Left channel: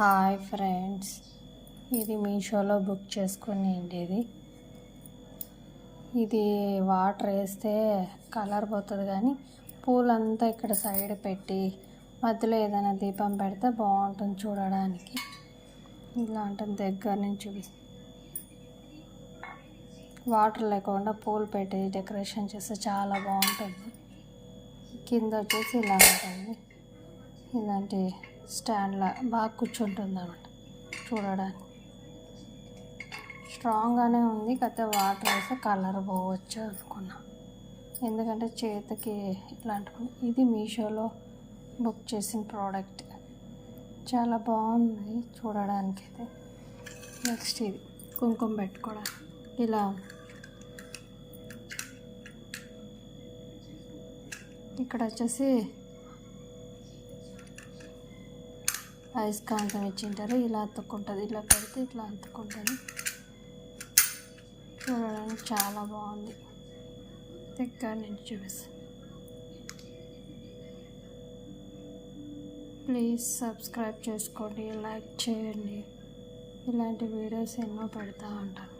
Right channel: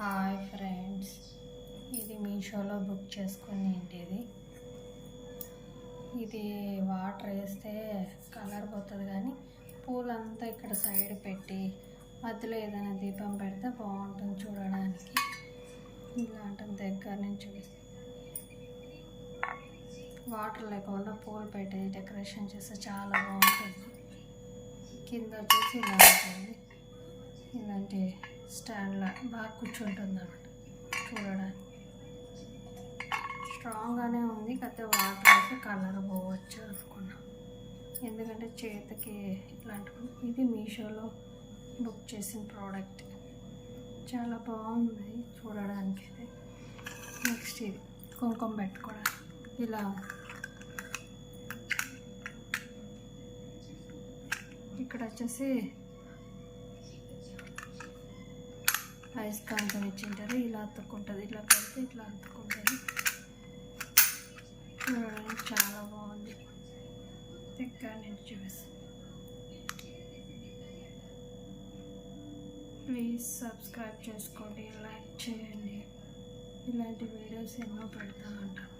Hi friends, ఇది మీషోలో book చేసుకునేది. ఇది వాటర్ వేస్తే కలర్ పోతుంది, కానీ పూలంతా ఇక్కడ సైడ్ పెట్టి మధ్యలో ఏదైనా దీపం పెడితే బాగుంటుంది చూడడానికి. ఇలాంటి దగ్గర నుంచి వాటర్ లేకుండా పూలు పెట్టి డెకరేషన్ చేస్తే చాలా బాగుంటుంది. కింద వచ్చేసి ఇలా ఉంటుంది, ఇలాంటి స్టాండ్లా బాగా కూర్చుంటుంది అన్నమాట. చూడడానికి స్ట్రాంగ్గానే ఉంది, కాకపోతే వాటర్ వేస్తే కలర్ పోవచ్చు అనుకున్నా, ఎందుకంటే చేతికి ఇట్లాంటి. ఇది మీషోలో బుక్ చేసిన ప్రోడక్ట్, చాలా బాగుంది చూడడానికి అయితే. నెక్స్ట్ ఇది కుంకుమ పెట్టుకోవడానికి. ఇలా ఇక్కడ వచ్చేసి అయస్కాంతం ఇచ్చింటారు, ఇలా అతుక్కుంటుంది. ఇలా పెడితే ఇట్లా అతుక్కుంటుంది. చూడడానికి చాలా బాగుంది. దగ్గర నుంచి చూపిస్తాను. ప్లీజ్ సబ్స్క్రైబ్ చేసుకోండి, లైక్ చేయండి. ఇలాంటి వీడియోస్ ఎన్నో పెడతా ఉంటాను.